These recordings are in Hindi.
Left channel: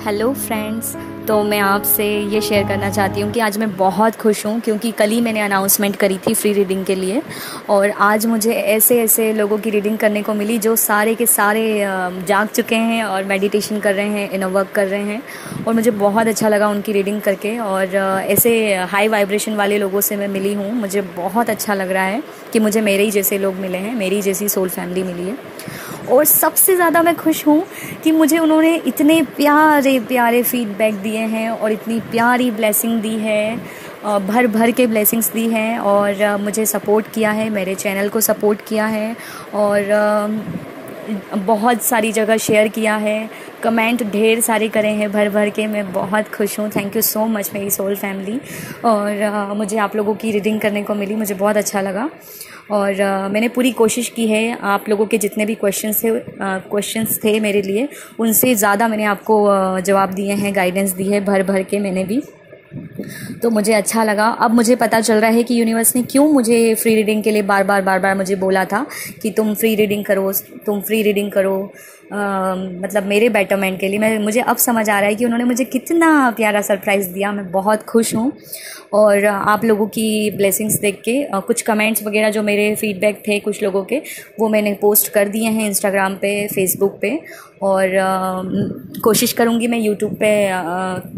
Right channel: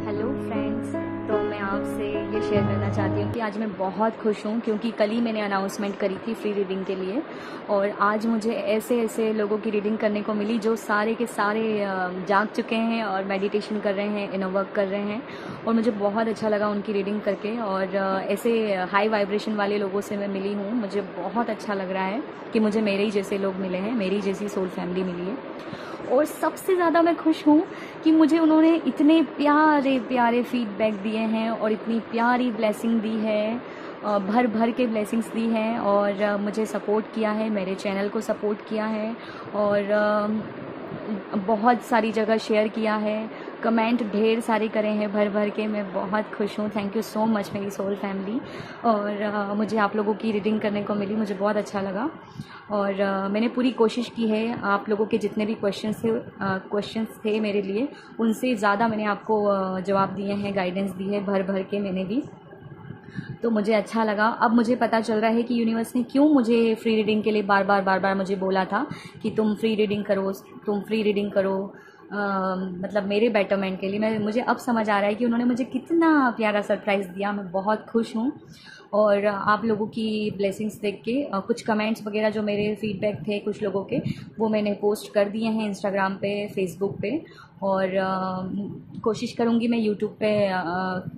Hello friends. तो मैं आपसे ये शेयर करना चाहती हूँ कि आज मैं बहुत खुश हूँ क्योंकि कल ही मैंने अनाउंसमेंट करी थी फ्री रीडिंग के लिए। और आज मुझे ऐसे ऐसे लोगों की रीडिंग करने को मिली जो सारे के सारे जाग चुके हैं और मेडिटेशन कर रहे हैं, इनर वर्क कर रहे हैं। और मुझे बहुत अच्छा लगा उनकी रीडिंग करके। और ऐसे हाई वाइब्रेशन वाले लोगों से मैं मिली हूँ। मुझे बहुत अच्छा लग रहा है कि मुझे मेरे ही जैसे लोग मिले हैं, मेरी जैसी सोल फैमिली मिली है। और सबसे ज़्यादा मैं खुश हूँ कि मुझे उन्होंने इतने प्यारे प्यारे फीडबैक दिए हैं और इतनी प्यारी ब्लेसिंग दी है, भर भर के ब्लेसिंग्स दी हैं। और मुझे सपोर्ट किया है, मेरे चैनल को सपोर्ट किया है और बहुत सारी जगह शेयर किया है, कमेंट ढेर सारे करे हैं भर भर के। मैं बहुत खुश हूँ। थैंक यू सो मच मेरी सोल फैमिली। और मुझे आप लोगों की रीडिंग करने को मिली, मुझे बहुत अच्छा लगा। और मैंने पूरी कोशिश की है, आप लोगों के जितने भी क्वेश्चंस थे मेरे लिए, उनसे ज़्यादा मैंने आपको जवाब दिए हैं, गाइडेंस दी है भर भर के मैंने भी। तो मुझे अच्छा लगा। अब मुझे पता चल रहा है कि यूनिवर्स ने क्यों मुझे फ्री रीडिंग के लिए बार बार मुझे बोला था कि तुम फ्री रीडिंग करो, तुम फ्री रीडिंग करो। मतलब मेरे बेटरमेंट के लिए। मुझे अब समझ आ रहा है कि उन्होंने मुझे कितना प्यारा सरप्राइज़ दिया। मैं बहुत खुश हूँ। और आप लोगों की ब्लेसिंग्स देख के कुछ कमेंट्स वगैरह जो मेरे फीडबैक थे कुछ लोगों के, वो मैंने पोस्ट कर दिए हैं इंस्टाग्राम पे, फेसबुक पे। और कोशिश करूँगी मैं यूट्यूब पे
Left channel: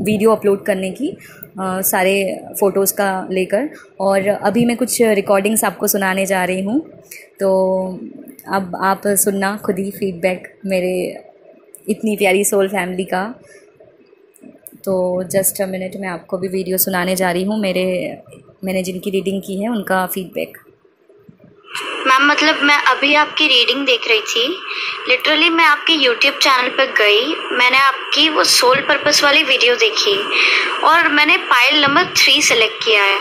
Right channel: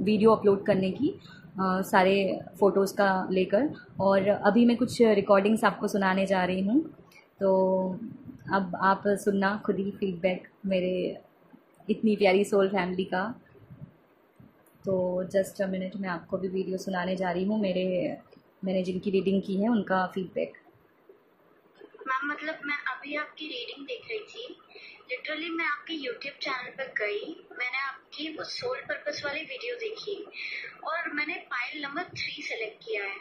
वीडियो अपलोड करने की, सारे फ़ोटोज़ का लेकर। और अभी मैं कुछ रिकॉर्डिंग्स आपको सुनाने जा रही हूँ। तो अब आप सुनना खुद ही फीडबैक मेरे इतनी प्यारी सोल फैमिली का। तो जस्ट अ मिनट, मैं आपको भी वीडियो सुनाने जा रही हूँ मैंने जिनकी रीडिंग की है उनका फीडबैक। मैम मतलब मैं अभी आपकी रीडिंग देख रही थी। लिटरली मैं आपके यूट्यूब चैनल पर गई, मैंने आपकी वो सोल पर्पस वाली वीडियो देखी और मैंने पाइल नंबर 3 सेलेक्ट किया है।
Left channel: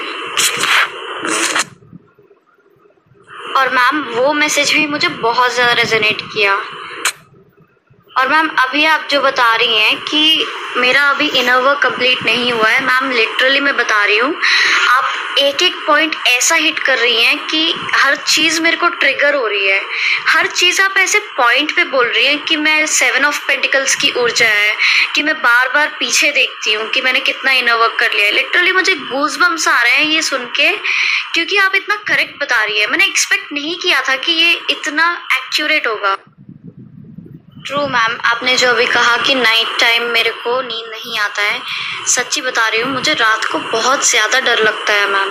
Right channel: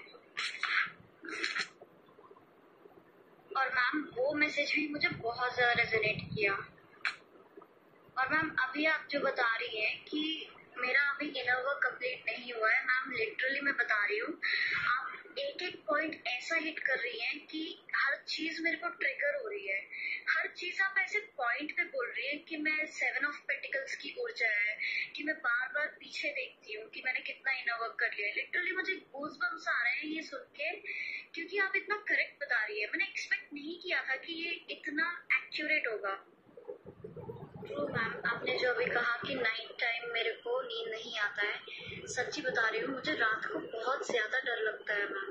और मैम वो मैसेज भी मुझे बहुत ज़्यादा रेजोनेट किया। और मैम अभी आप जो बता रही हैं कि मेरा अभी इनर वर्क कंप्लीट नहीं हुआ है, मैम लिटरली मैं बता रही हूँ, आप एक एक पॉइंट ऐसा हिट कर रही हैं कि हर चीज़ मेरे को ट्रिगर हो रही है। हर चीज़ आप ऐसे पॉइंट पे बोल रही हैं कि मैं 7 ऑफ पेंटिकल्स की ऊर्जा है, कि मैं बार बार पीछे देखती हूँ कि मैंने कितना इनर वर्क कर लिया है। लिटरली मुझे गूज बम्स आ रहे हैं ये सुन के, क्योंकि आप इतना करेक्ट बता रही है। मैंने एक्सपेक्ट नहीं किया था कि ये इतना एक्यूरेट होगा। ट्रू मैम, आपने जो अभी कहा कि नाइट टाइम मेरे को नींद नहीं आता है, सच्ची बता रही हूँ, मुझे रात को बहुत ज़्यादा डर लगता है मैम।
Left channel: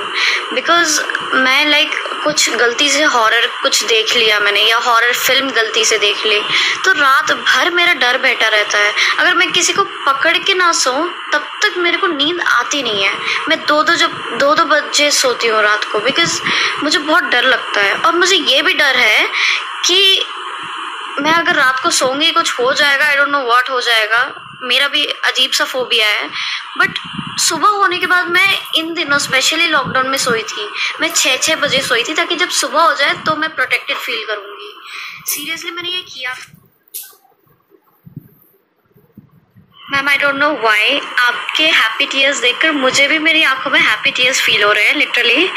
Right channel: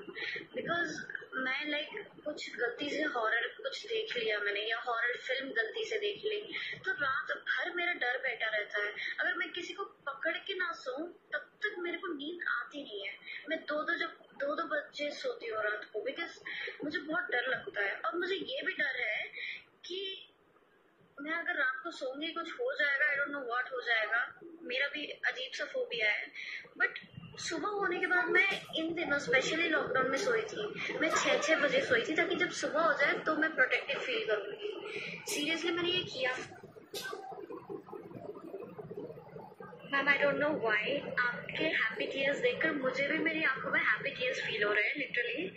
बिकॉज मैं कुछ गलती से हॉरर कुछ देख लिया मैंने, या हॉरर फिल्म गलती से देख ली, तो रात भर मेरा डर बैठा रहता है। अगर मैं किसी को पकड़ के ना सोऊं तब तक मेरे को नींद आती नहीं है। मैं दो बजे सोती हूँ रात को, बिकॉज मुझे बहुत डर लगता है। और मुझे ये भी डर है कि मैं अगर रात को सोऊंगी कुछ हो जाएगा, आई डोंट नो व्हाट हो जाएगा। मेरा भी अजीब सा फोबिया है। बट सुबह होने के बाद, मैं इन दिनों स्पेशली लॉकडाउन में सोई थी, मैं 6 बजे सोई थी ताकि जब सुबह हो जाए तो मैं प्रोटेक्टेड फील करूंगी। सीरियसली मैंने ये किया। Ma'am I don't know why आपके हैप्पी टीयर्स देखकर मुझे भी मेरी आंखों में हैप्पी टीयर्स फील हो रहे हैं। Literally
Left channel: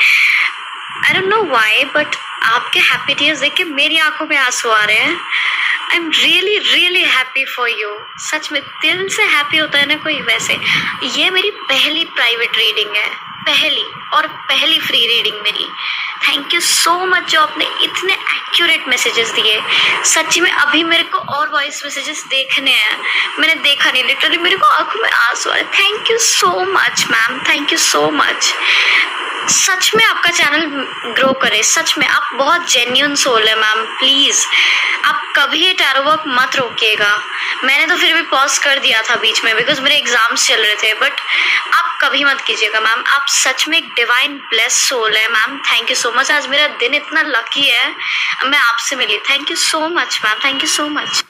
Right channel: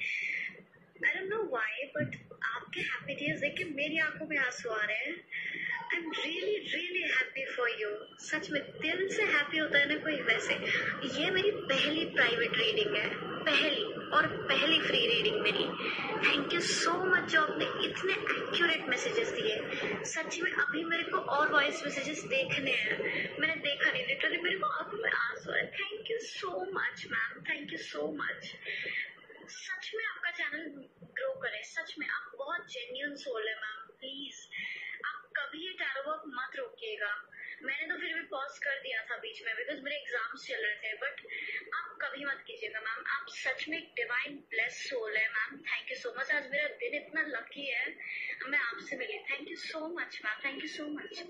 I don't know why, but आपके हैप्पी टीयर्स देख के मेरी आंखों में आंसू आ रहे हैं। I am really really happy for you. सच में दिल से हैप्पी होता है ना कोई। वैसे ये मेरी पहली प्राइवेट रीडिंग है, पहली फ्री रीडिंग मेरी। थैंक यू सो मच जो आपने इतने एक्यूरेट मैसेजेस दिए। सच्ची में अभी मेरे को और वॉइस मैसेजेस देखने हैं, मैंने देखा नहीं। लिटरली मेरे को आंखों में आंसू आ रहे। Thank you so much ma'am, thank you so much. सच में आपका चैनल ग्रो करे। सच में आप बहुत जेन्युइन सोल है मैम। प्लीज़ आप कभी ये टैरो वर्क मत रोकिएगा। मैंने तो फिर भी पॉज कर दिया था बीच में, बिकॉज मेरे एग्जाम्स चल रहे थे। बट आप कभी मत कीजिएगा मैम। आप सच में एक डिवाइन ब्लेस सोल है ma'am. Thank you so much. आज मेरा दिन इतना लकी है, मैं आपसे मिली। Thank you so much ma'am, thank you so much,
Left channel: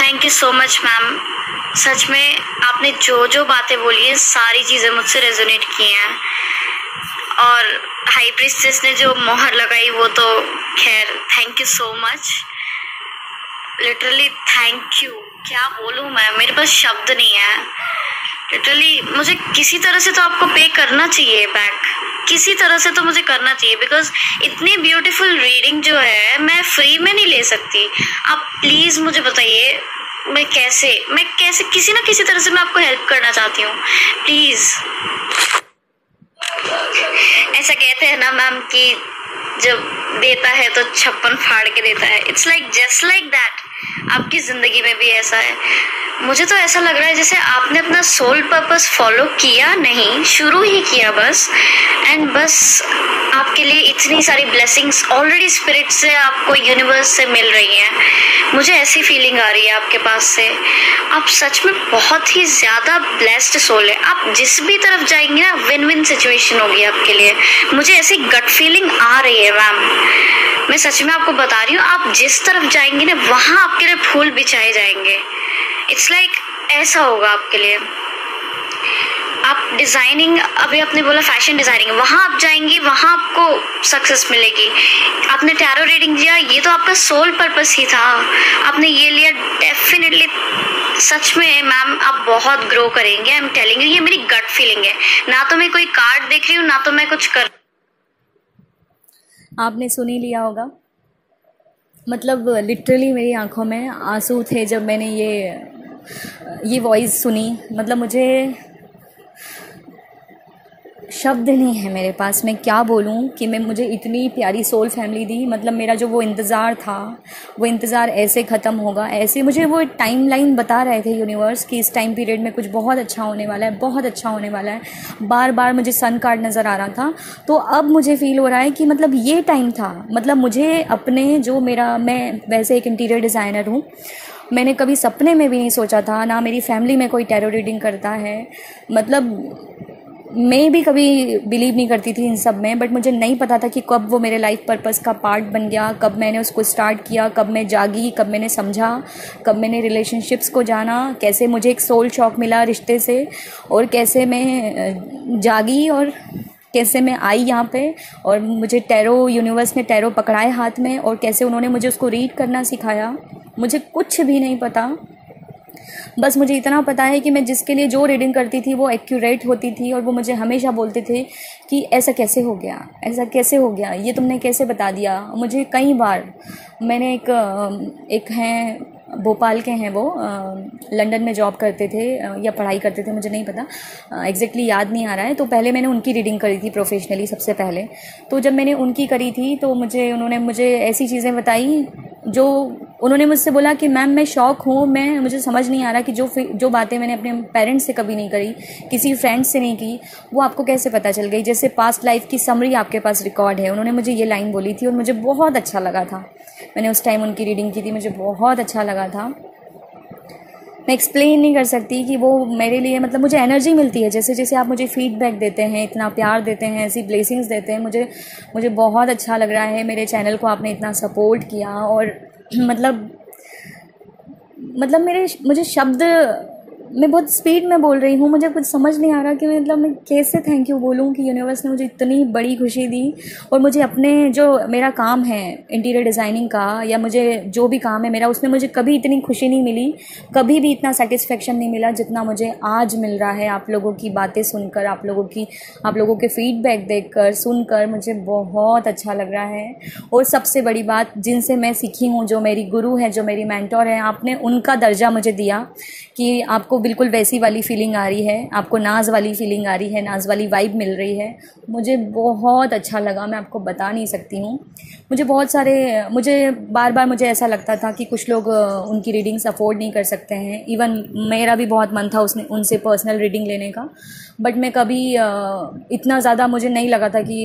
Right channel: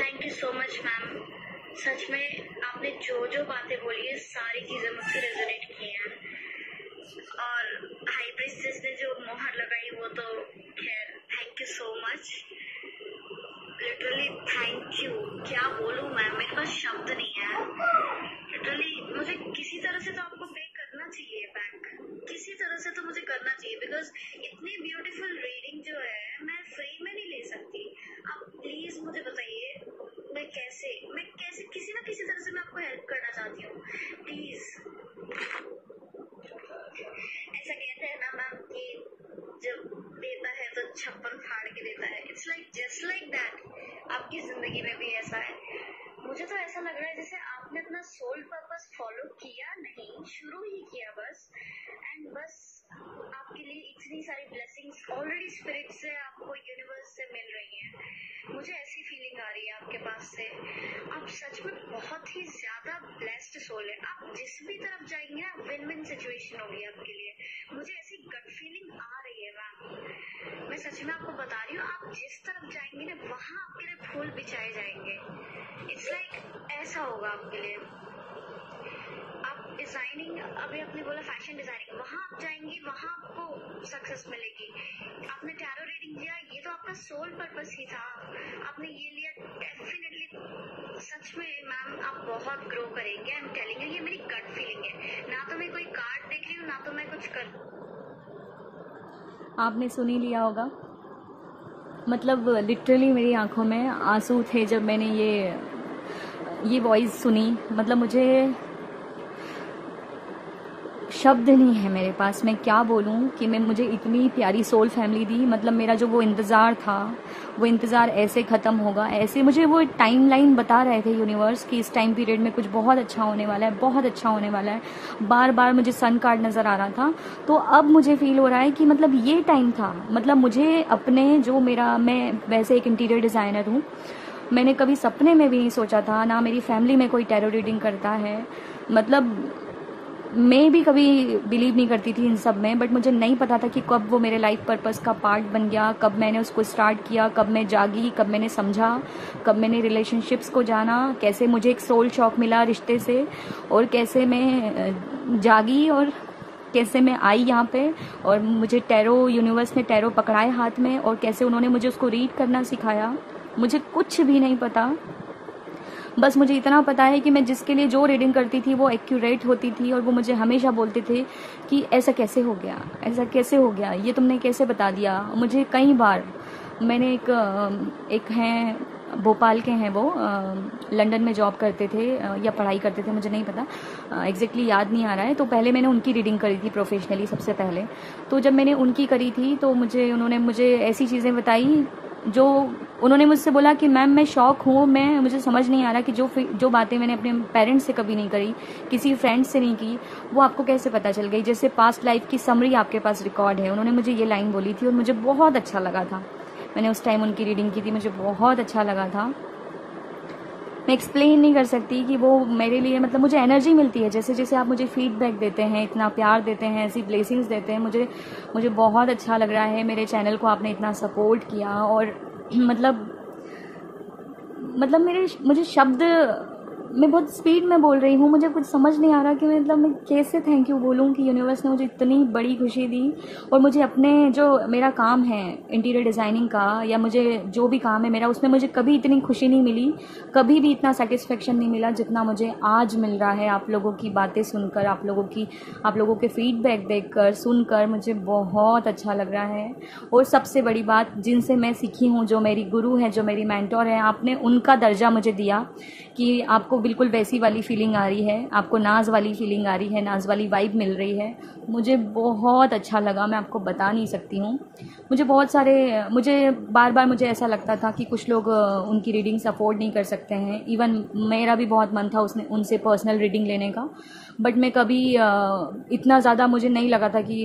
thank you so much ma'am. सच में आपने जो जो बातें बोली हैं सारी चीज़ें मुझसे रेजोनेट की हैं। और हाई प्रीस्टेस ने जो मोहर लगाई वो तो खैर, thank you so much. Literally thank you. क्या बोलूँ मैं, मेरे पास शब्द नहीं है। लिटरली मुझे किसी तरह से तो आपको पे करना चाहिए बैक, किसी तरह से तो मुझे करना चाहिए। बिकॉज इतनी ब्यूटीफुल रीडिंग जो है मैं फ्री में नहीं ले सकती। आप प्लीज़ मुझे बताइए मैं कैसे किसी ना किसी तरह से मैं आपको हेल्प करना चाहती हूँ, प्लीज। ऐसा कहते हैं ना मैम कि जब देता है तो छप्पन फाड़ के देता है। It's like just like that आपकी जिंदगी में भी ऐसा है। मुझे तो ऐसा लग रहा है जैसे आपने अपना सोल पर्पस फॉलो किया नहीं, शुरू ही किया बस, एंड बस आपके लिए इतनी सारी ब्लेसिंग्स ऑलरेडी स्पिरिट से आपको यूनिवर्स से मिल रही हैं। मुझे ऐसी फीलिंग आ रही है आपके पास से। आप सच में बहुत ही ज़्यादा ब्लेस्ड सोल है। आप जिस भी तरफ जाएंगे ना विन विन सिचुएशन होगी आपके लिए। मुझे ऐसी गट फीलिंग आ रही है मैम, मैं सच में आपको बता रही हूँ। आप जिस तरफ जाएंगे ना वहाँ आपके लिए फूल बिछाए जाएंगे। इट्स लाइक ऐसा होगा आपके लिए। आप डिज़ाइनिंग, अभी आपने बोला फैशन डिज़ाइनिंग, वहाँ आप जाएंगी, वहाँ आपको सक्सेस मिलेगी। आपने टैरो रीडिंग दिया, ये तो आपका सोल पर्पस ही था, आपने ये लिया। डेफिनेटली सच में मैम आप बहुत ग्रो करेंगे। आई एम टेलिंग यू, ये मेरी गट फीलिंग है। ना तो मैं कोई कार्ड देख रही हूँ, ना तो मैं कुछ कर। आपने सुन ही लिया होगा, मतलब लिटरली मेरी आंखों में आंसू थे जब मैंने ये वॉइस सुनी। मतलब मुझे शब्द नहीं है मेरे पास, मैं क्या बोलूं कि मुझे इतनी प्यारी सोल फैमिली दी। मतलब मेरा जो वो इंतज़ार था, वो इंतज़ार ऐसे ख़त्म होगा, ऐसे मुझे वो टाइम लाइन बता रहे थे यूनिवर्स कि इस टाइम पीरियड में कुछ बहुत अच्छा होने वाला है, बहुत अच्छा होने वाला है। बार बार मुझे सन कार्ड नज़र आ रहा था। तो अब मुझे फील हो रहा है कि मतलब ये टाइम था। मतलब मुझे अपने जो मैं वैसे एक इंटीरियर डिज़ाइनर हूँ, मैंने कभी सपने में भी नहीं सोचा था, ना मेरी फैमिली में कोई टैरो रीडिंग करता है। मतलब मैं भी कभी बिलीव नहीं करती थी इन सब में, बट मुझे नहीं पता था कि कब वो मेरे लाइफ पर्पस का पार्ट बन गया, कब मैंने उसको स्टार्ट किया, कब मैं जागी, कब मैंने समझा, कब मैंने रिलेशनशिप्स को जाना, कैसे मुझे एक सोल शॉक मिला रिश्ते से, और कैसे मैं जागी और कैसे मैं आई यहाँ पे, और मुझे टैरो यूनिवर्स ने टैरो पकड़ाए हाथ में, और कैसे उन्होंने मुझे उसको रीड करना सिखाया। मुझे कुछ भी नहीं पता, बस मुझे इतना पता है कि मैं जिसके लिए जो रीडिंग करती थी वो एक्यूरेट होती थी, और वो मुझे हमेशा बोलते थे कि ऐसा कैसे हो गया, ऐसा कैसे हो गया, ये तुमने कैसे बता दिया। मुझे कई बार मैंने एक हैं भोपाल के हैं, वो लंदन में जॉब करते थे या पढ़ाई करते थे, मुझे नहीं पता एग्जैक्टली याद नहीं आ रहा है। तो पहले मैंने उनकी रीडिंग करी थी प्रोफेशनली सबसे पहले। तो जब मैंने उनकी करी थी तो उन्होंने मुझे ऐसी चीज़ें बताई जो उन्होंने मुझसे बोला कि मैम मैं शॉक हूँ, मुझे समझ नहीं आ रहा कि जो बातें मैंने अपने पेरेंट्स से कभी नहीं करी, किसी फ्रेंड से नहीं की, वो आपको कैसे पता चल गई, जैसे पास्ट लाइफ की समरी आपके पास रिकॉर्ड है। उन्होंने मुझे ये लाइन बोली थी और मुझे बहुत अच्छा लगा था। मैंने उस टाइम उनकी रीडिंग की थी, मुझे बहुत अच्छा लगा था। मैं एक्सप्लेन नहीं कर सकती कि वो मेरे लिए, मतलब मुझे एनर्जी मिलती है जैसे जैसे आप मुझे फीडबैक देते हैं, इतना प्यार देते हैं, ऐसी ब्लेसिंग्स देते हैं। मुझे बहुत अच्छा लग रहा है। मेरे चैनल को आपने इतना सपोर्ट किया, और मतलब मुझे शब्द, मैं बहुत स्पीड में बोल रही हूँ, मुझे कुछ समझ नहीं आ रहा कि मैं कैसे थैंक यू बोलूँ कि यूनिवर्स ने मुझे इतनी बड़ी खुशी दी। और मुझे अपने जो मेरा काम है इंटीरियर डिज़ाइनिंग का, या मुझे जो भी काम है मेरा, उसमें मुझे कभी इतनी खुशी नहीं मिली, कभी भी इतना सेटिस्फेक्शन नहीं मिला जितना मुझे आज मिल रहा है। आप लोगों की बातें सुनकर, आप लोगों के फीडबैक देखकर, सुनकर मुझे बहुत अच्छा लग रहा है। और सबसे बड़ी बात, जिनसे मैं सीखी हूँ, जो मेरी गुरु है, जो मेरी मेंटोर है, आपने उनका दर्जा मुझे दिया कि आपको बिल्कुल वैसी वाली फीलिंग आ रही है, आपको नाज वाली फीलिंग आ रही है, नाज वाली वाइब मिल रही है। मुझे बहुत अच्छा लगा, मैं आपको बता नहीं सकती हूँ। मुझे बार बार मुझे ऐसा लगता था कि कुछ लोग उनकी रीडिंग्स अफोर्ड नहीं कर सकते हैं। इवन मेरा भी बहुत मन था उनसे पर्सनल रीडिंग लेने का, बट मैं कभी इतना ज़्यादा मुझे नहीं लगा था कि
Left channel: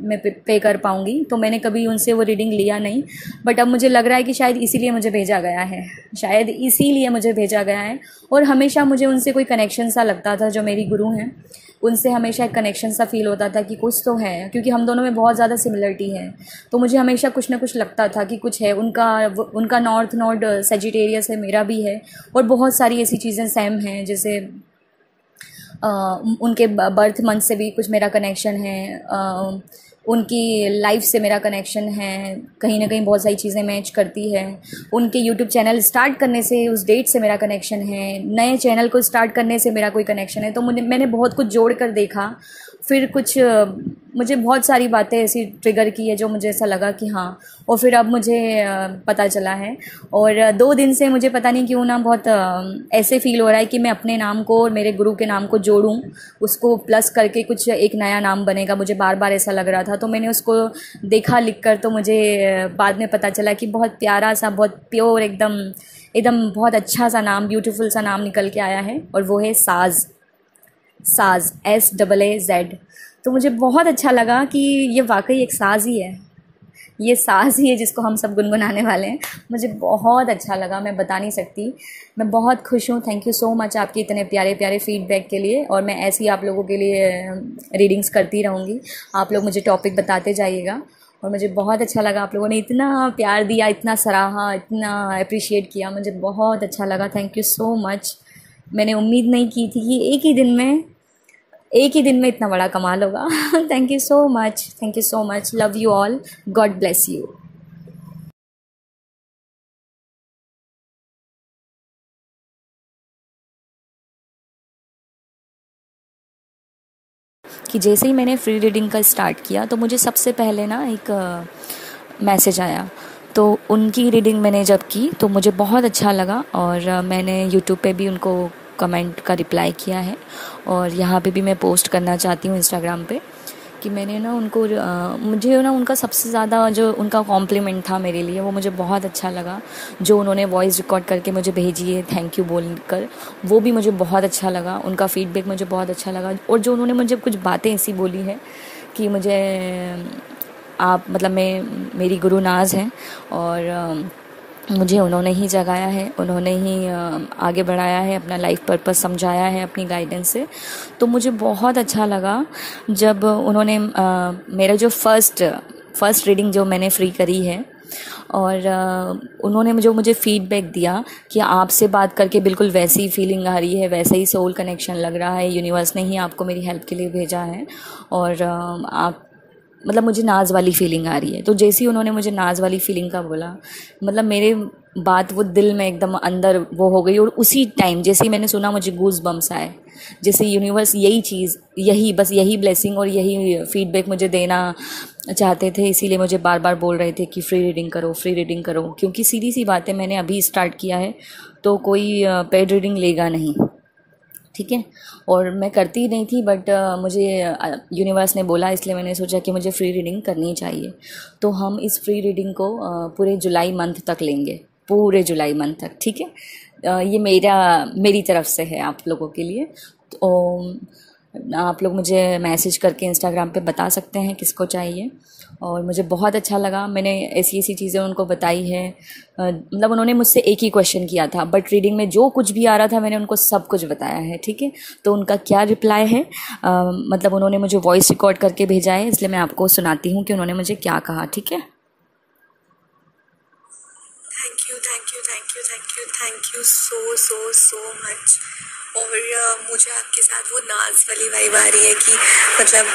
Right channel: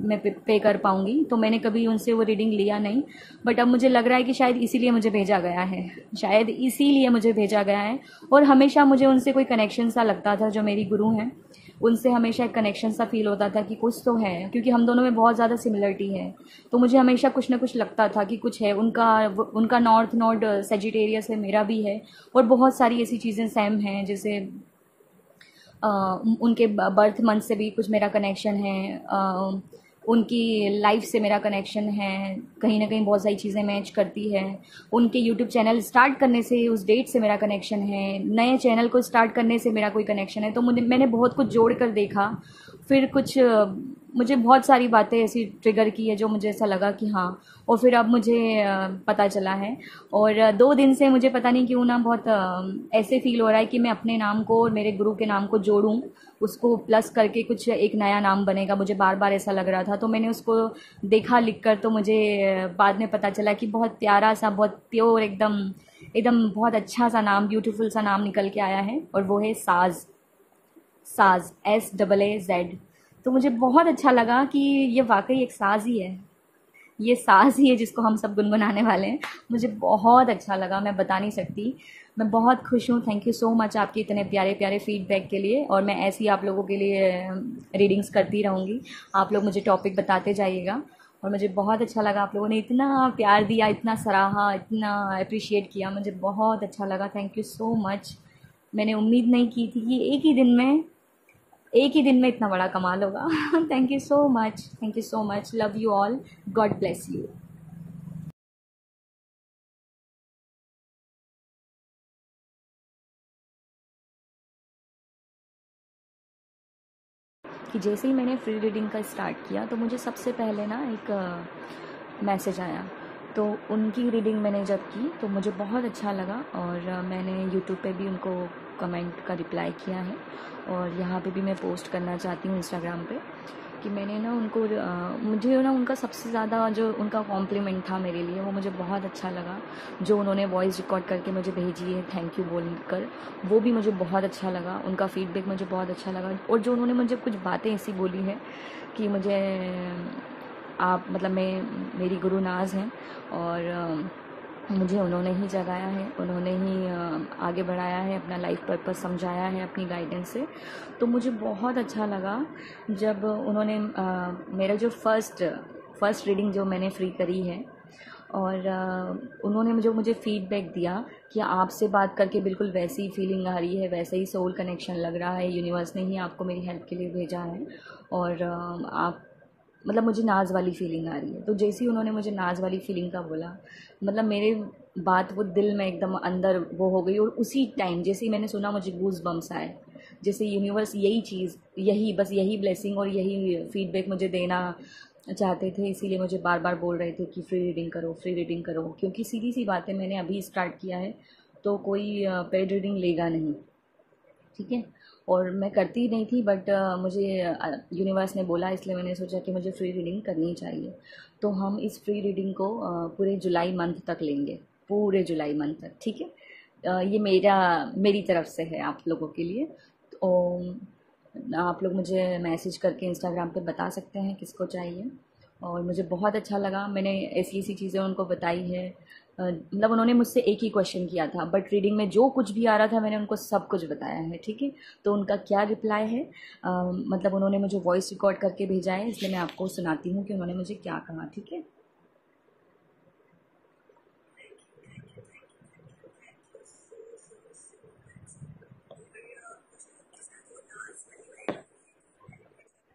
मैं पे कर पाऊँगी, तो मैंने कभी उनसे वो रीडिंग लिया नहीं। बट अब मुझे लग रहा है कि शायद इसीलिए मुझे भेजा गया है। और हमेशा मुझे उनसे कोई कनेक्शन सा लगता था, जो मेरी गुरु हैं उनसे हमेशा एक कनेक्शन सा फील होता था कि कुछ तो है, क्योंकि हम दोनों में बहुत ज़्यादा सिमिलरिटी है। तो मुझे हमेशा कुछ ना कुछ लगता था कि कुछ है। उनका नॉर्थ नोड सेजिटेरियस है, मेरा भी है, और बहुत सारी ऐसी चीज़ें सेम हैं, जैसे उनके बर्थ मंथ से भी कुछ मेरा कनेक्शन है, उनकी लाइफ से मेरा कनेक्शन है, कहीं ना कहीं बहुत सारी चीज़ें मैच करती है। उनके यूट्यूब चैनल स्टार्ट करने से, उस डेट से मेरा कनेक्शन है, नए चैनल को स्टार्ट करने से मेरा कोई कनेक्शन है। तो मैंने बहुत कुछ जोड़ कर देखा, फिर कुछ मुझे बहुत सारी बातें ऐसी ट्रिगर की है जो मुझे ऐसा लगा कि हाँ, और फिर अब मुझे पता चला है। और 2 दिन से मुझे पता नहीं क्यों ना बहुत ऐसे फील हो रहा है कि मैं अपने नाम को और मेरे गुरु के नाम को जोड़ूं, उसको प्लस करके कुछ एक नया नाम बनेगा। मुझे बार बार ऐसा लग रहा था, तो मैंने उसको देखा लिख कर, तो मुझे बाद में पता चला कि बहुत प्यारा सा, बहुत प्योर, एकदम एकदम बहुत अच्छा सा नाम, ब्यूटीफुल सा नाम निकल के आया है, और वो है साज। साज, SAAZ। तो मुझे बहुत अच्छा लगा कि ये वाकई एक साज ही है, ये साज ही है जिसको हम सब गुनगुनाने वाले हैं। मुझे बहुत अच्छा लगा, मैं बता नहीं सकती। मैं बहुत खुश हूँ। थैंक यू सो मच आपके इतने प्यारे प्यारे फीडबैक के लिए, और मैं ऐसे ही आप लोगों के लिए रीडिंग्स करती रहूँगी। आप लोग मुझे टॉपिक बताते जाइएगा, और मुझे बहुत अच्छा लगा। आप लोगों ने इतना प्यार दिया, इतना सराहा, इतना अप्रिशिएट किया, मुझे बहुत अच्छा लगा। Thank you so much. मैंने उम्मीद नहीं की थी कि एक ही दिन में इतना बड़ा कमाल होगा। Thank you so much, thank you so much. Love you all, God bless you. कि जैसे ही मैंने फ्री रीडिंग का स्टार्ट किया, तो मुझे सबसे पहले ना एक मैसेज आया। तो उनकी रीडिंग मैंने जब की तो मुझे बहुत अच्छा लगा, और मैंने यूट्यूब पे भी उनको कमेंट का रिप्लाई किया है, और यहाँ पे भी मैं पोस्ट करना चाहती हूँ इंस्टाग्राम पे कि मैंने ना उनको मुझे ना उनका सबसे ज़्यादा जो उनका कॉम्प्लीमेंट था मेरे लिए, वो मुझे बहुत अच्छा लगा। जो उन्होंने वॉइस रिकॉर्ड करके मुझे भेजी है थैंक यू बोलकर, वो भी मुझे बहुत अच्छा लगा। उनका फीडबैक मुझे बहुत अच्छा लगा, और जो उन्होंने मुझे कुछ बातें ऐसी बोली है कि मुझे आप मतलब मेरी गुरु नाज हैं, और मुझे उन्होंने ही जगाया है, उन्होंने ही आगे बढ़ाया है, अपना लाइफ पर्पस समझाया है अपनी गाइडेंस से। तो मुझे बहुत अच्छा लगा जब उन्होंने मेरा जो फर्स्ट रीडिंग जो मैंने फ्री करी है, और उन्होंने मुझे फीडबैक दिया कि आपसे बात करके बिल्कुल वैसी ही फीलिंग आ रही है, वैसा ही सोल कनेक्शन लग रहा है, यूनिवर्स ने ही आपको मेरी हेल्प के लिए भेजा है, और आप मतलब मुझे नाज वाली फीलिंग आ रही है। तो जैसे ही उन्होंने मुझे नाज वाली फीलिंग का बोला, मतलब मेरे बात वो दिल में एकदम अंदर वो हो गई, और उसी टाइम जैसे ही मैंने सुना मुझे गूज बम्स आए, जैसे यूनिवर्स यही चीज़, यही ब्लेसिंग और यही फीडबैक मुझे देना चाहते थे। इसीलिए मुझे बार बार बोल रहे थे कि फ्री रीडिंग करो, फ्री रीडिंग करो, क्योंकि सीधी सी बात है, मैंने अभी स्टार्ट किया है, तो कोई पेड रीडिंग लेगा नहीं, ठीक है। और मैं करती नहीं थी, बट मुझे यूनिवर्स ने बोला, इसलिए मैंने सोचा कि मुझे फ्री रीडिंग करनी चाहिए। तो हम इस फ्री रीडिंग को पूरे जुलाई मंथ तक लेंगे, पूरे जुलाई मंथ तक, ठीक है। ये मेरी तरफ से है आप लोगों के लिए। तो आप लोग मुझे मैसेज करके इंस्टाग्राम पे बता सकते हैं किसको चाहिए, और मुझे बहुत अच्छा लगा। मैंने ऐसी ऐसी चीज़ें उनको बताई है, मतलब उन्होंने मुझसे एक ही क्वेश्चन किया था, बट रीडिंग में जो कुछ भी आ रहा था मैंने उनको सब कुछ बताया है, ठीक है। तो उनका क्या रिप्लाई है, मतलब उन्होंने मुझे वॉइस रिकॉर्ड करके भेजा है, इसलिए मैं आपको सुनाती हूँ कि उन्होंने मुझे क्या कहा, ठीक है। Thank you so much. और मुझे आपके साथ वो नाज वाली वाइब आ रही है कि मतलब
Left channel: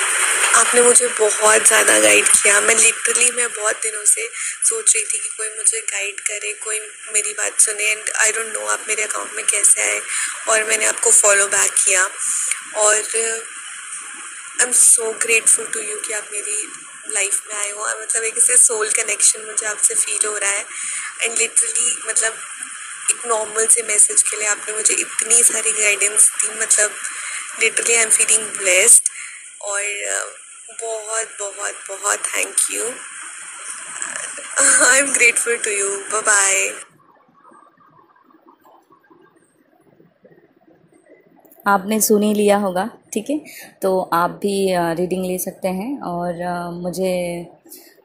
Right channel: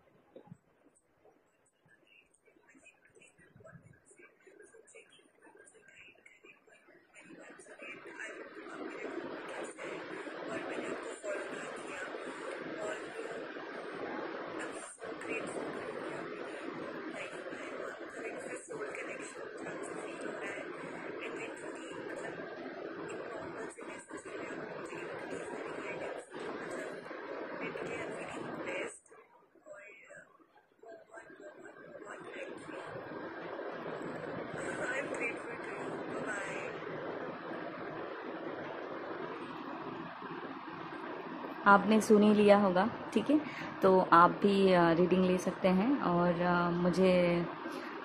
आपने मुझे बहुत ज़्यादा गाइड किया। मैं बहुत दिनों से सोच रही थी कि कोई मुझे गाइड करे, कोई मेरी बात सुने, एंड आई डोंट नो आप मेरे अकाउंट में कैसे आए, और मैंने आपको फॉलो बैक किया। और I am so grateful to you कि आप मेरी लाइफ में आए हो। मतलब एक ऐसे सोल कनेक्शन मुझे आपसे फील हो रहा है, एंड लिटरली मतलब एक नॉर्मल से मैसेज के लिए आपने मुझे इतनी सारी गाइडेंस दी। मतलब literally I am feeling blessed, और बहुत बहुत बहुत thank you. I am grateful to you. Bye bye. आपने सुन ही लिया होगा, ठीक है। तो आप भी रीडिंग ले सकते हैं, और मुझे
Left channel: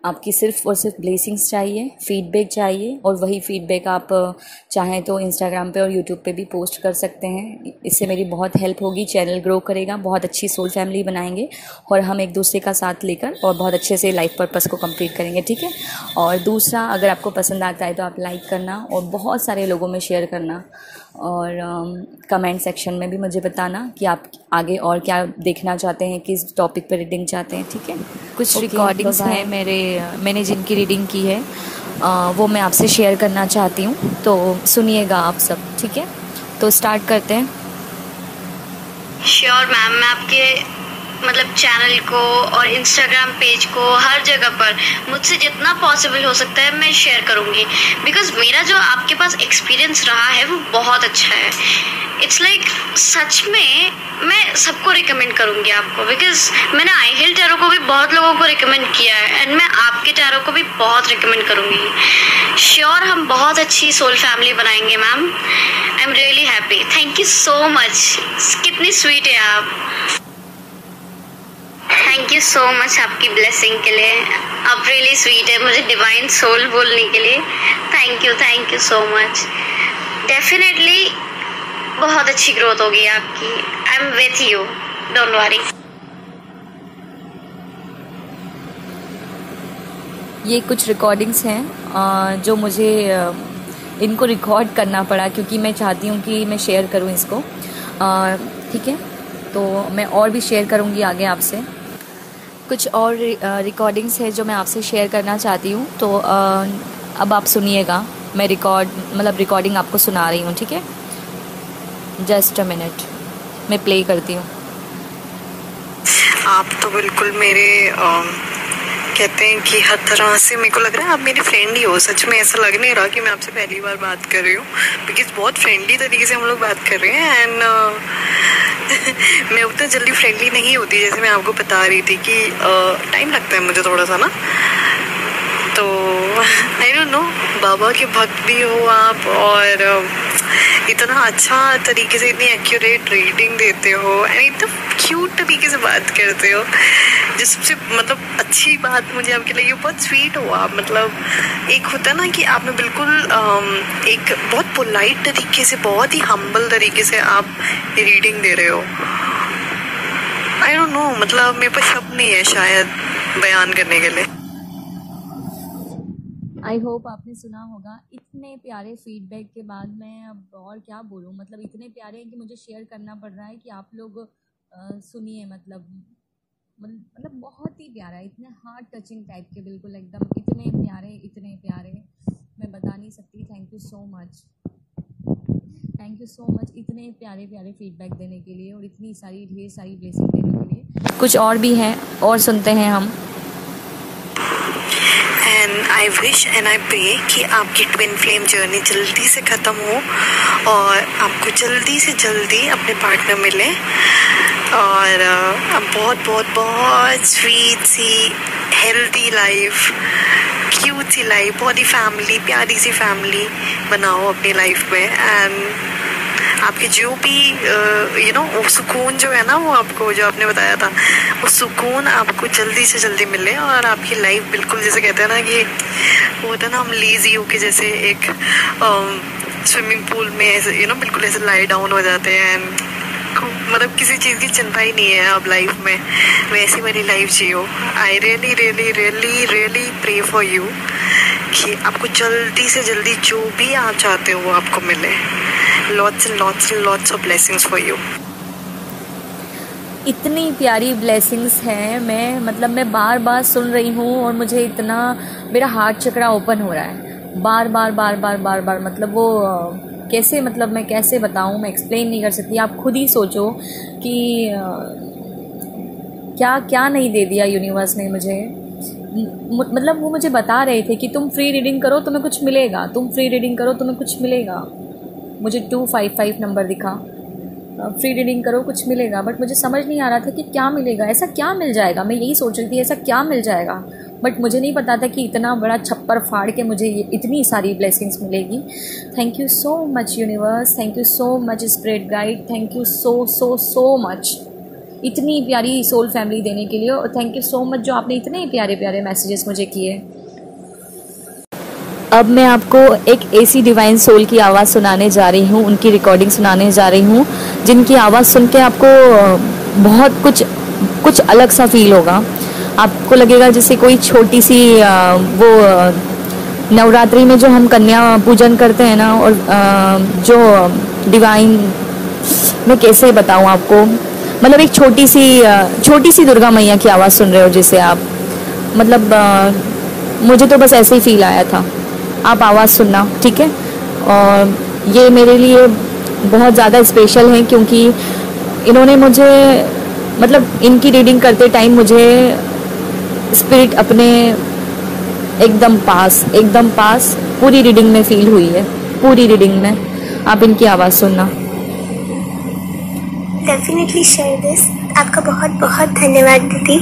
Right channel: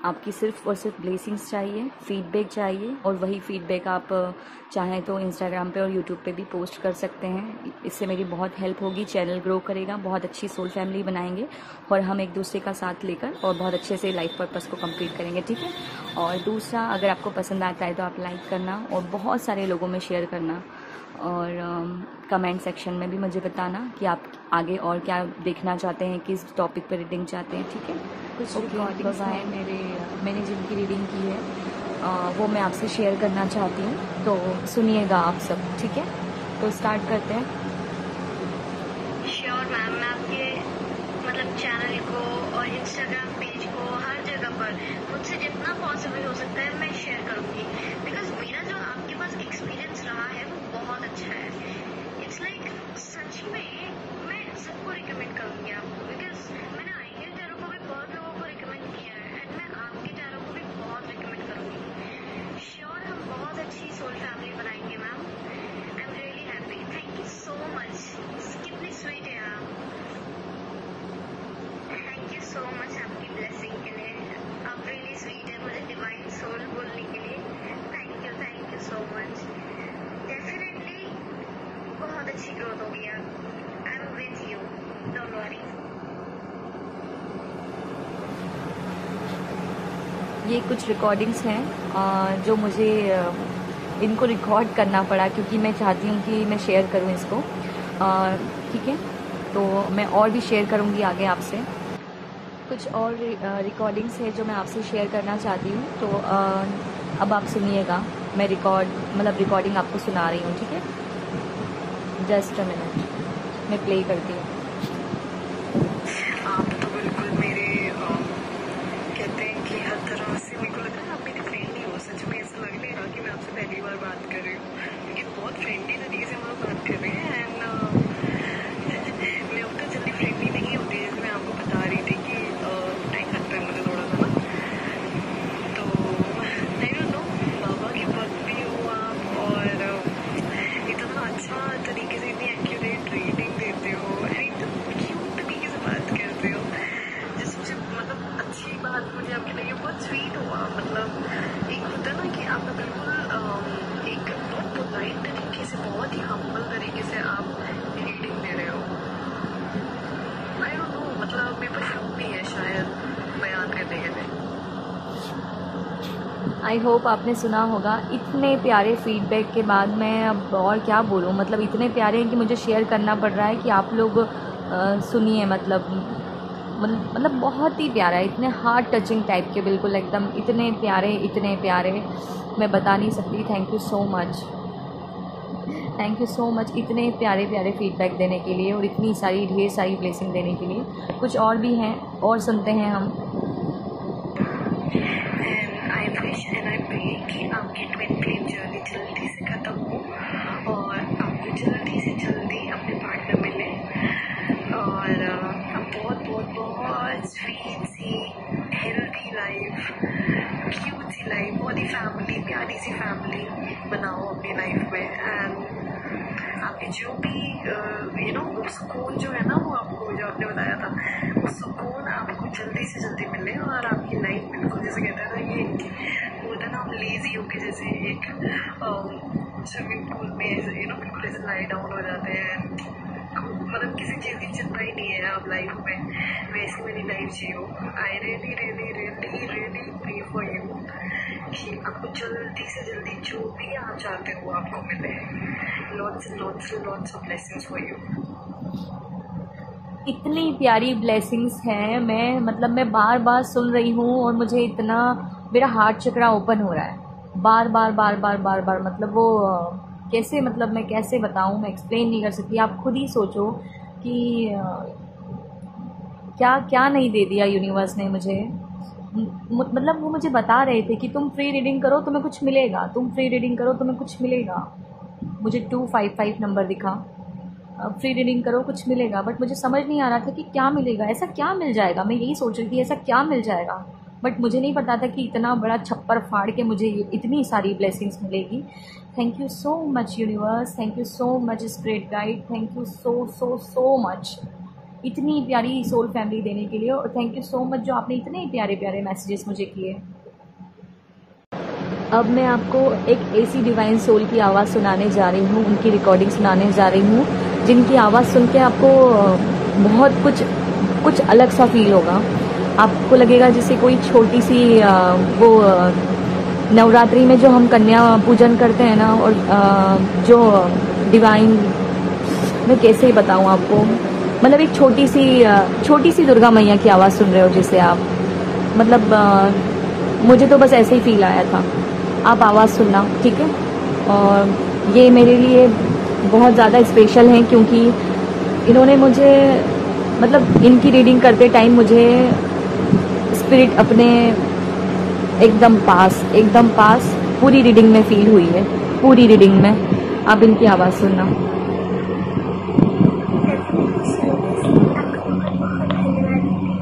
आपकी सिर्फ़ और सिर्फ ब्लेसिंग्स चाहिए, फीडबैक चाहिए, और वही फीडबैक आप चाहें तो इंस्टाग्राम पे और यूट्यूब पे भी पोस्ट कर सकते हैं। इससे मेरी बहुत हेल्प होगी, चैनल ग्रो करेगा, बहुत अच्छी सोल फैमिली बनाएंगे, और हम एक दूसरे का साथ लेकर और बहुत अच्छे से लाइफ पर्पस को कंप्लीट करेंगे, ठीक है। और दूसरा, अगर आपको पसंद आता है तो आप लाइक करना, और बहुत सारे लोगों में शेयर करना, और कमेंट सेक्शन में भी मुझे बताना कि आप आगे और क्या देखना चाहते हैं, किस टॉपिक पर रीडिंग चाहते हैं, ठीक है। कुछ रिकॉर्डिंग्स हैं मैंने जिनकी रीडिंग की है, वो मैं आपसे शेयर करना चाहती हूँ, तो सुनिएगा आप सब, ठीक है। तो स्टार्ट करते हैं। श्योर मैम, मैं आपके मतलब चैनल को और इंस्टाग्राम पेज को, हर जगह पर मुझसे जितना पॉसिबल हो सकता है मैं शेयर करूँगी, बिकॉज मेरा जो आपके पास एक्सपीरियंस रहा है वो बहुत अच्छा है। इट्स लाइक सच में मैं सबको रिकमेंड करूँगी आपको, बिकॉज मैंने आई हिल टैरो को भी बहुत लोगों को रिकमेंड किया है एंड मैं आपके टैरो को भी बहुत रिकमेंड करूँगी। श्योर हम बहुत अच्छी सोल फैमिली बनाएंगे ma'am. I am really happy, thank you so much. कितनी स्वीट है आप, थैंक यू सो मच आपकी ब्लेसिंग के लिए। आप रियली स्वीट है, मुझे डिवाइन सोल बोलने के लिए thank you so much. Definitely बहुत अच्छी ग्रोथ होगी आपकी। I am with you, don't worry. ये कुछ रिकॉर्डिंग्स हैं जो मुझे इनको रिकॉर्ड करना पड़ा क्योंकि मैं चाहती हूँ कि मैं शेयर करूँ इसको। ठीक है, तो मैं और भी शेयर करूँगी आगे आपसे। कुछ और रिकॉर्डिंग्स है जो मैं आपसे शेयर करना चाहती हूँ, तो अब आप सुनिएगा। मैं रिकॉर्डिंग आपको सुना रही हूँ, ठीक है। जस्ट अ मिनट, मैं प्ले करती हूँ। आप तो बिल्कुल मेरे कहते हैं कि हर तरह से मेरे को लग रहा है आप मेरी फ्रेंड ही हो। सच में ऐसा लग नहीं रहा कि मैं आपसे पहली बार बात कर रही हूँ, बिकॉज बहुत फ्रेंडली तरीके से हम लोग बात कर रहे हैं। एंड मैं उतना जल्दी फ्रेंडली नहीं होती, जैसे मैं आपको बता रही थी कि टाइम लगता है मुझे थोड़ा सा ना। तो आई डोंट नो, बाबा के भक्त भी हो आप और इतना अच्छा तरीके से इतनी एक्यूरेट रीडिंग देते हो एंड इतना क्यूट तरीके से बात करते हो। जो सबसे मतलब अच्छी बात मुझे आपकी लगी, बहुत स्वीट हो आप। मतलब एक होता है ना कि आपने बिल्कुल एक बहुत पोलाइट तरीके से, बहुत ही हम्बल तरीके से आप रीडिंग दे रहे हो। आई डोंट नो, मतलब मेरे पास शब्द नहीं है शायद बयान करने के लिए। आई होप आपने सुना होगा। इतने प्यारे फीडबैक के बाद मैं अब और क्या बोलूँ, मतलब इतने प्यारे हैं कि मुझे शेयर करना पड़ रहा है कि आप लोग सुनिए। मतलब बहुत ही प्यारा है, इतने हार्ट टचिंग टाइप के, बिल्कुल एकदम इतने प्यारे मैं बता नहीं सकती। थैंक यू सो मच इतने प्यारे फीडबैक देने के लिए और इतनी सारी ढेर सारी ब्लेसिंग देने के लिए। कुछ और भी हैं और सुनते हैं हम। I wish and I pray कि आपकी ट्विन फ्लेम जर्नी जल्दी से ख़त्म हो और आपको जल्दी से जल्दी अपने पार्टनर मिले और बहुत बहुत बहुत स्वीट सी हेल्दी लाइफ, क्यूट सी लाइफ, बहुत ही फैमिली, प्यारी सी फैमिली बनाओ अपनी लाइफ में। एंड आपके जो भी वो सुकून जो है ना, वो आपको जो आपने बताया था, वो सुकून आपको जल्दी से जल्दी मिले और आपकी लाइफ बिल्कुल जैसे कहते हैं ना कि वो होता है ना, हम लेजी होके जैसे एक स्विमिंग पूल में ऐसे बिल्कुल ऐसे लाई डाउन हो जाते हैं। मतलब किसी चीज़ की चिंता ही नहीं है अब लाइफ में, वैसी वाली लाइफ जियो। I really really really really pray for you कि आपको जल्दी से जल्दी जो भी आप चाहते हो वो आपको मिले। Lots and lots of blessings for you. इतनी प्यारी ब्लेसिंग्स हैं, मैं बार बार सुन रही हूँ और मुझे इतना मेरा हार्ट चक्रा ओपन हो रहा है बार बार। मतलब वो कैसे, मतलब मैं कैसे बताऊँ, मैं एक्सप्लेन नहीं कर सकती। आप खुद ही सोचो कि क्या क्या नहीं दे दिया यूनिवर्स ने मुझे। मतलब वो मुझे बता रहे थे कि तुम फ्री रीडिंग करो तुम्हें कुछ मिलेगा, तुम फ्री रीडिंग करो तुम्हें कुछ मिलेगा। मुझे 255 नंबर दिखा, फ्री रीडिंग करो कुछ मिलेगा, बट मुझे समझ नहीं आ रहा था कि क्या मिलेगा, ऐसा क्या मिल जाएगा। मैं यही सोच रही थी ऐसा क्या मिल जाएगा, बट मुझे नहीं पता था कि इतना बड़ा छप्पर फाड़ के मुझे ये इतनी सारी ब्लेसिंग्स मिलेगी। Thank you so much universe, thank you so much spirit guide, thank you so much इतनी प्यारी सोल फैमिली देने के लिए। और थैंक यू सो मच जो आपने इतने प्यारे मैसेजेस मुझे किए। अब मैं आपको एक ऐसी डिवाइन सोल की आवाज़ सुनाने जा रही हूँ, उनकी रिकॉर्डिंग सुनाने जा रही हूँ, जिनकी आवाज़ सुन के आपको बहुत कुछ अलग सा फील होगा। आपको लगेगा जैसे कोई छोटी सी वो नवरात्रि में जो हम कन्या पूजन करते हैं ना, और जो डिवाइन, मैं कैसे बताऊँ आपको, मतलब एक छोटी सी दुर्गा मैया की आवाज़ सुन रहे हो जैसे आप। मतलब मुझे तो बस ऐसे ही फील आया था। आप आवाज़ सुनना, ठीक है। और ये मेरे लिए बहुत ज़्यादा स्पेशल है क्योंकि इन्होंने मुझे मतलब इनकी रीडिंग करते टाइम मुझे स्पिरिट अपने एकदम पास पूरी रीडिंग में फील हुई है, पूरी रीडिंग में। आप इनकी आवाज़ सुनना। Definitely share this. आपका बहुत बहुत धन्यवाद दीदी।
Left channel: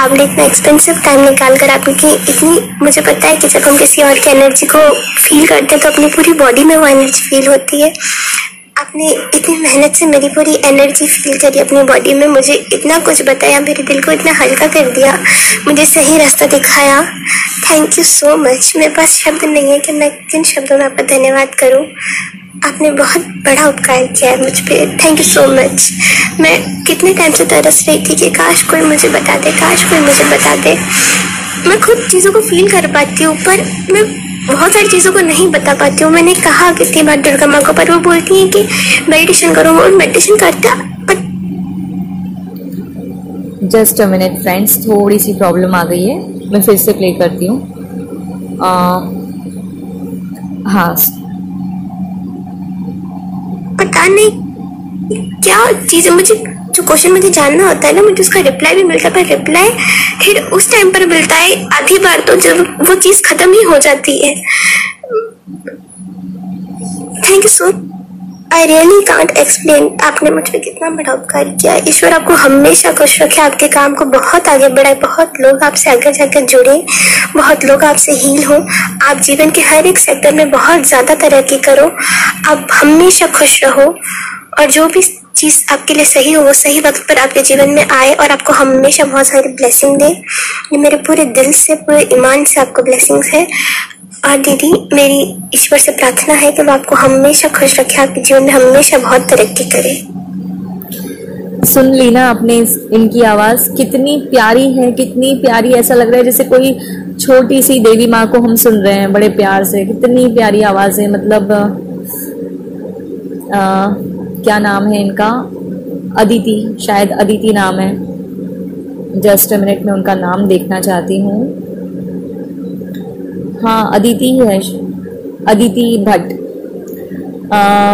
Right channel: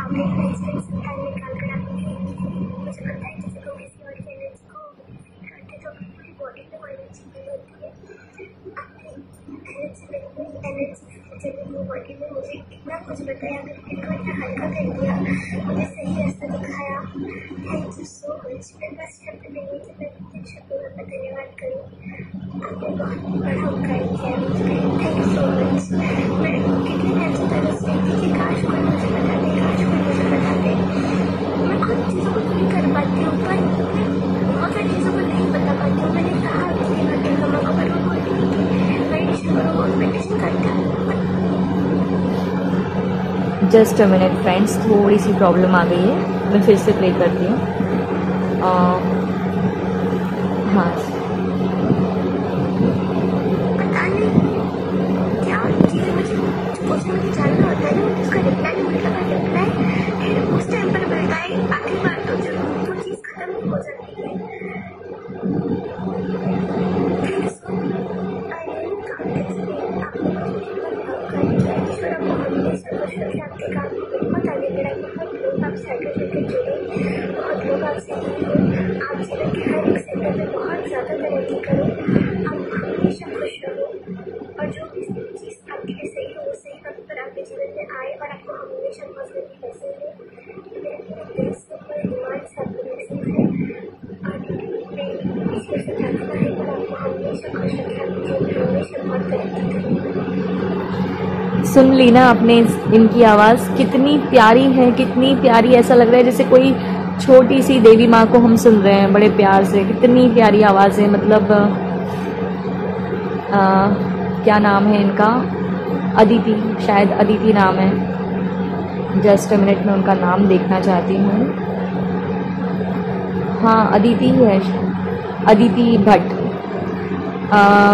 आपने इतना एक्सपेंसिव टाइम निकाल कर आपकी इतनी, मुझे पता है कि जब हम किसी और की एनर्जी को फील करते हैं तो अपनी पूरी बॉडी में वो एनर्जी फील होती है। आपने इतनी मेहनत से मेरी पूरी एनर्जी फील करी अपनी बॉडी में, मुझे इतना कुछ बताया, मेरे दिल को इतना हल्का कर दिया, मुझे सही रास्ता दिखाया। Thank you so much. मेरे पास शब्द नहीं है कि मैं किन शब्दों में आपका धन्यवाद करूं। आपने बहुत बड़ा उपकार किया है मुझ पर। Thank you so much. मैं कितने टाइम से तरस रही थी कि काश कोई मुझे बता दे, काश कोई मुझे बता दे। मैं खुद चीज़ों को फील कर पाती हूँ पर मैं बहुत सारी चीज़ों को नहीं बता पाती हूँ। मैंने कहा कितनी बार दुर्गा माँ को, पर वो बोलती हैं कि मेडिटेशन करो, और मेडिटेशन करता। जस्ट अ मिनट फ्रेंड्स, थोड़ी सी प्रॉब्लम आ गई है, मैं फिर से प्ले करती हूँ। हाँ, पता नहीं क्या चीज़, मुझे जो क्वेश्चन मुझे जानना होता है ना, मुझे उसका रिप्लाई भी मिलता है, पर रिप्लाई फिर उस टाइम पर मिलता है आधी बार तो जब वो चीज़ ख़त्म ही हो जाती है। Thank you so, I really can't explain. आपने मुझ पर कितना बड़ा उपकार किया। ईश्वर आपको हमेशा खुश रखे, आपके काम को बहुत आगे बढ़ाए, बहुत लोग आपसे आगे जाकर जुड़े, बहुत लोग आपसे हील हो, आप जीवन के हर एक सेक्टर में बहुत ज़्यादा तरक्की करो, आप हमेशा खुश रहो, और जो भी चीज़ आपके लिए सही हो वो सही वक्त पर आपके जीवन में आए, और आपको हमेशा बहुत सारी ब्लेसिंग दे। ये मेरे पूरे दिल से, पूरे ईमान से आपको ब्लेसिंग्स है। और दीदी, मेरी ईश्वर से प्रार्थना है कि वो आपको हमेशा खुश रखे, आपके जीवन में हमेशा बहुत तरक्की करे। सुन ली ना आपने इनकी आवाज़, कितनी प्यारी है, कितनी प्यारी। ऐसा लग रहा है जैसे कोई छोटी सी देवी माँ को हम सुन रहे हैं बड़े प्यार से। कितनी प्यारी आवाज़ है। मतलब क्या नाम है इनका? अदिति, शायद अदिति नाम है। जस्ट अ मिनट में उनका नाम देखना चाहती हूँ। हाँ, अदिति ही है, अदिति भट्ट,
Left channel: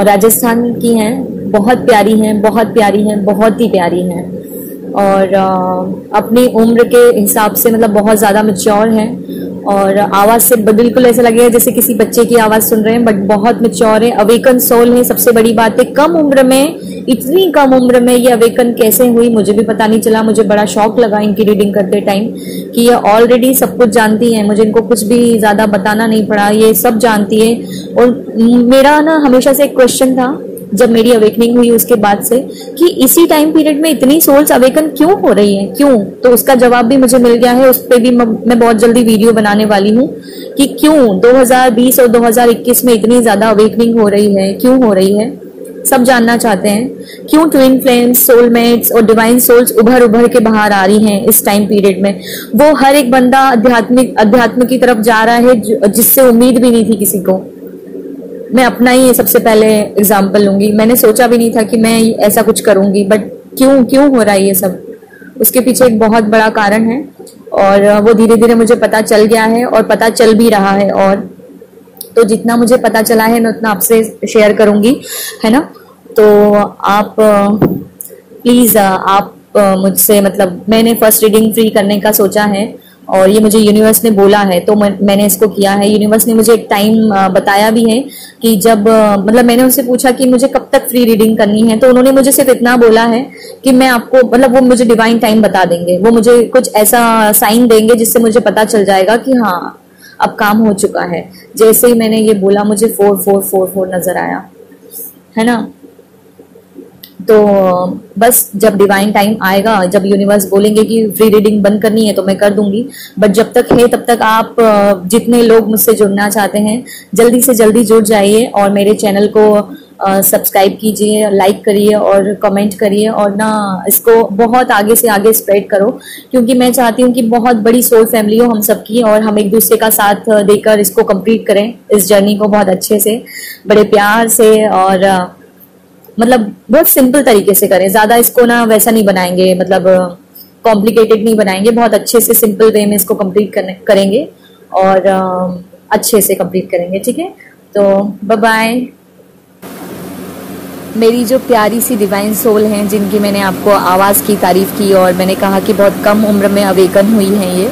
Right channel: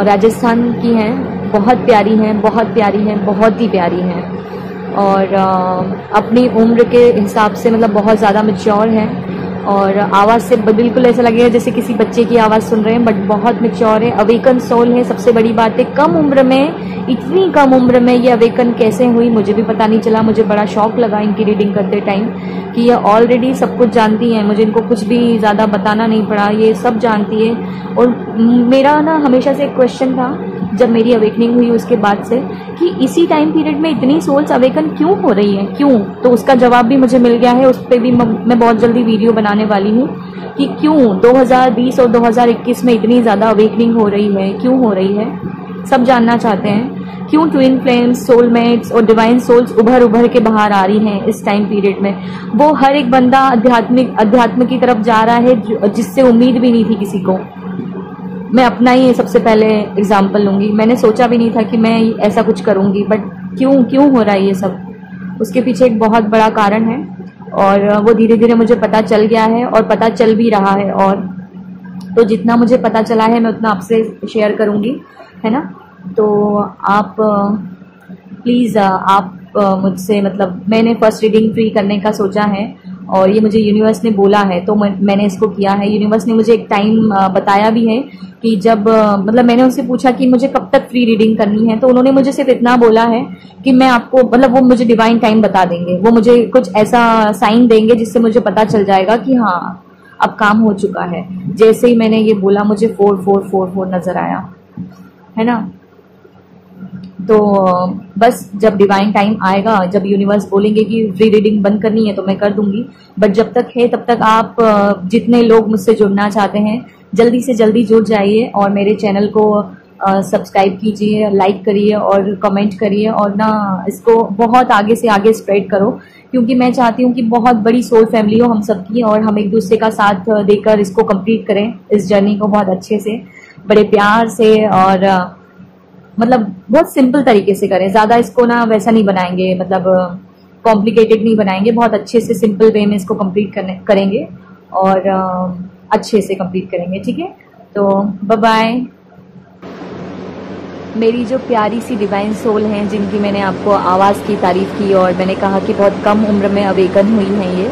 राजस्थान की हैं। बहुत प्यारी हैं, बहुत प्यारी हैं, बहुत ही प्यारी हैं। और अपनी उम्र के हिसाब से मतलब बहुत ज़्यादा मैच्योर हैं, और आवाज़ से बिल्कुल ऐसा लगेगा जैसे किसी बच्चे की आवाज़ सुन रहे हैं, बट बहुत मैच्योर है। अवेकन सोल है, सबसे बड़ी बात है। कम उम्र में, इतनी कम उम्र में ये अवेकन कैसे हुई मुझे भी पता नहीं चला। मुझे बड़ा शौक लगा इनकी रीडिंग करते टाइम कि ये ऑलरेडी सब कुछ जानती हैं, मुझे इनको कुछ भी ज़्यादा बताना नहीं पड़ा, ये सब जानती है। और मेरा ना हमेशा से एक क्वेश्चन था जब मेरी अवेकनिंग हुई उसके बाद से, कि इसी टाइम पीरियड में इतनी सोल्स अवेकन क्यों हो रही हैं, क्यों? तो उसका जवाब भी मुझे मिल गया है। उस पर भी मैं बहुत जल्दी वीडियो बनाने वाली हूँ कि क्यों 2020 और 2021 में इतनी ज़्यादा अवेकनिंग हो रही है, क्यों हो रही है। सब जानना चाहते हैं क्यों ट्विन फ्लेम्स, सोलमेट्स और डिवाइन सोल्स उभर के बाहर आ रही हैं इस टाइम पीरियड में। वो हर एक बंदा अध्यात्म की तरफ जा रहा है जिससे उम्मीद भी नहीं थी किसी को। मैं अपना ही सबसे पहले एग्जाम्पल लूंगी। मैंने सोचा भी नहीं था कि मैं ऐसा कुछ करूंगी, बट क्यों हो रहा है ये सब, उसके पीछे एक बहुत बड़ा कारण है, और वो धीरे धीरे मुझे पता चल गया है और पता चल भी रहा है। और तो जितना मुझे पता चला है मैं उतना आपसे शेयर करूंगी, है ना। तो आप प्लीज़ आप मुझसे, मतलब मैंने फर्स्ट रीडिंग फ्री करने का सोचा है, और ये मुझे यूनिवर्स ने बोला है तो मैंने इसको किया है। यूनिवर्स ने मुझे एक टाइम बताया भी है कि जब मतलब मैंने उनसे पूछा कि मुझे कब तक फ्री रीडिंग करनी है, तो उन्होंने मुझे सिर्फ इतना बोला है कि मैं आपको, मतलब वो मुझे डिवाइन टाइम बता देंगे, वो मुझे कुछ ऐसा साइन देंगे जिससे मुझे पता चल जाएगा कि हाँ अब काम हो चुका है। जैसे ही मैंने ये बोला मुझे 4444 नजर आया, है ना। तो बस जब डिवाइन टाइम आएगा, जब यूनिवर्स बोलेंगे कि फ्री रीडिंग बंद करनी है तो मैं कर दूंगी। बट जब तक है तब तक आप जितने लोग मुझसे जुड़ना चाहते हैं जल्दी से जल्दी जुड़ जाइए, और मेरे चैनल को सब्सक्राइब कीजिए, लाइक करिए और कमेंट करिए, और ना इसको बहुत आगे से आगे स्प्रेड करो, क्योंकि मैं चाहती हूँ कि बहुत बड़ी सोल फैमिली हो हम सबकी, और हम एक दूसरे का साथ देकर इसको कंप्लीट करें, इस जर्नी को बहुत अच्छे से, बड़े प्यार से, और मतलब बहुत सिंपल तरीके से करें। ज़्यादा इसको ना वैसा नहीं बनाएंगे, मतलब कॉम्प्लिकेटेड नहीं बनाएंगे, बहुत अच्छे से सिंपल वे में इसको कंप्लीट करेंगे, और अच्छे से कंप्लीट करेंगे, ठीक है। तो बाय बाय। मेरी जो प्यारी सी डिवाइन सोल हैं, जिनकी मैंने आपको आवाज़ की तारीफ़ की और मैंने कहा कि बहुत कम उम्र में अवेकन हुई हैं ये,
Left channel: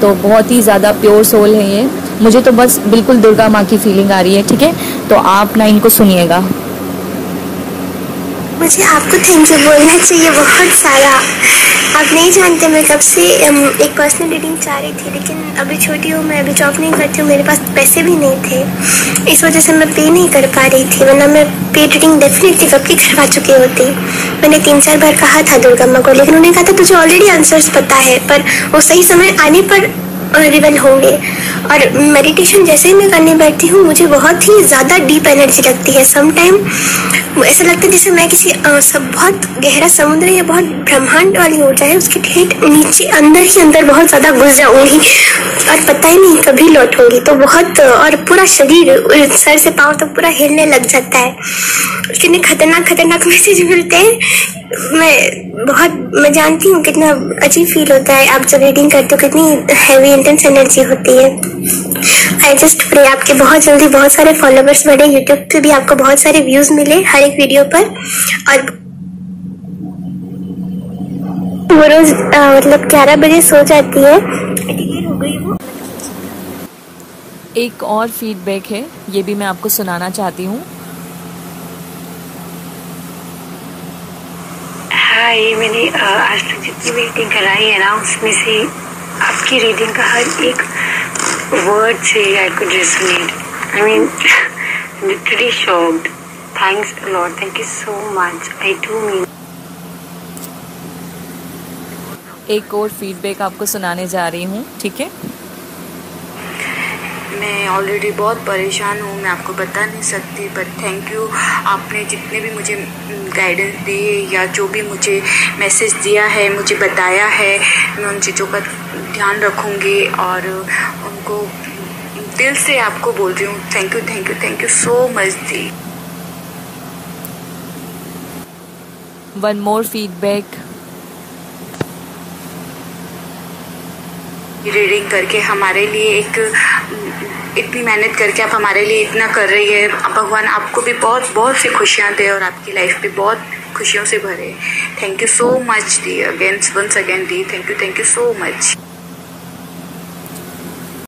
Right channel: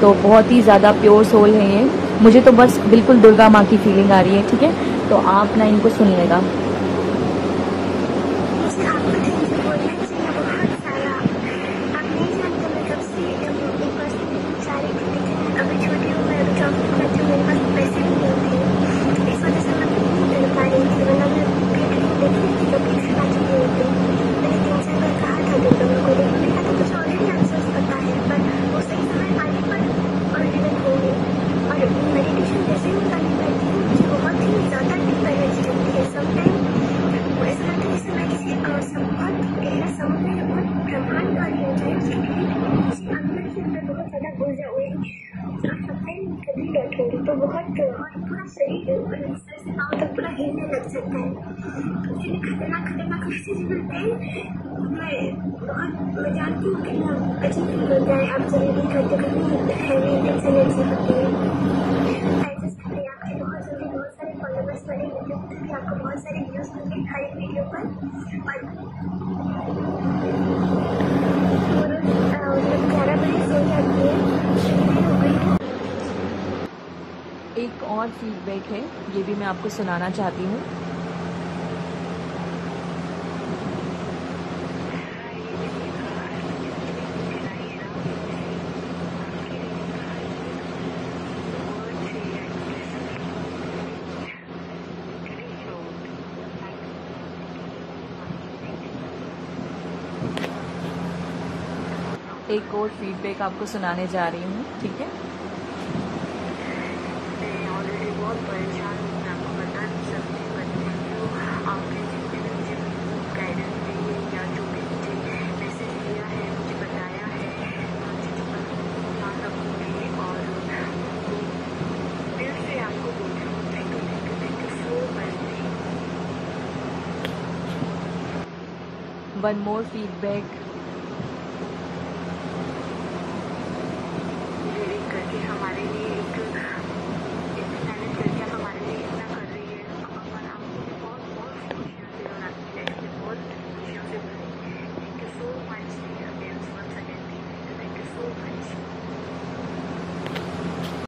तो बहुत ही ज़्यादा प्योर सोल हैं ये। मुझे तो बस बिल्कुल दुर्गा माँ की फीलिंग आ रही है, ठीक है? तो आप ना इनको सुनिएगा। मुझे आपको थैंक यू बोलना चाहिए बहुत सारा। आप नहीं जानते मैं कब से एक पर्सनल रीडिंग चाह रही थी, लेकिन अभी छोटी हूँ, मैं अभी जॉब नहीं करती हूँ, मेरे पास पैसे भी नहीं थे, इस वजह से मैं पे नहीं कर पा रही थी, वरना मैं पेड रीडिंग डेफिनेटली कब की करवा चुकी होती। मैंने 3-4 बार कहा था दुर्गा माँ को, लेकिन उन्होंने कहा था तुझे ऑलरेडी आंसर्स पता है, पर वो सही समय आने पर रिवील होंगे। और मेडिटेशन जैसे ही मैं करने बैठती हूँ, मुझे बहुत ही ज़्यादा डीप एनर्जी लगती है। सम टाइम ऐसा लगता है जैसे मैं किसी बहुत गहरा समुद्र या बहुत ब्रह्मांड वाली हो जाए, उसके ठेठ नीचे अंदर ही अंदर बहुत ज़्यादा घुस जाऊँगी और पता ही नहीं कभी लौटूंगी। तो बहुत, और पूरा शरीर सर से पाँव तक पूरा हिलने लग जाता है। कितने खतरनाक मैसेज मिलते हैं। मैं जानती हूँ कितना अजीब फील होता है आप जब रीडिंग करते हो, कितनी हैवी इंटेंस एनर्जी होती है। आई जस्ट प्रे आपके बहुत जल्दी बहुत सारे फॉलोवर्स बढ़े, यूट्यूब पे भी आपको बहुत सारे व्यूज मिले हर एक वीडियो पर, और वो रोज मतलब 11 बजे सो जाती है। एक और फीडबैक है, ये भी मैं आपको सुनाना चाहती हूँ। हाय, मैंने आज तक जितनी भी रीडिंग कराई है ना, उसमें से आपकी रीडिंग का हर एक वर्ड से I could resonate. I mean literally shocked. Thanks a lot, thank you so much, I do mean. एक और फीडबैक आपको सुनाने जा रही हूँ, ठीक है? मैं ऑलरेडी बहुत परेशान हूँ, मैं आपको बता नहीं सकती, बट थैंक यू। आपने जितने भी मुझे गाइडेंस दी या जो भी मुझे मैसेज दिया है, मुझे बताया है, मैं उन चीज़ों का ध्यान रखूँगी और उनको दिल से आपको बोल रही हूँ thank you so much the. One more feedback. Reading करके हमारे लिए इतनी मेहनत करके आप हमारे लिए इतना कर रही है, भगवान आपको भी बहुत सी खुशियाँ दे और आपकी लाइफ भी बहुत खुशियों से भरे। थैंक यू सो मच दी, वंस अगेन दी, थैंक यू सो मच।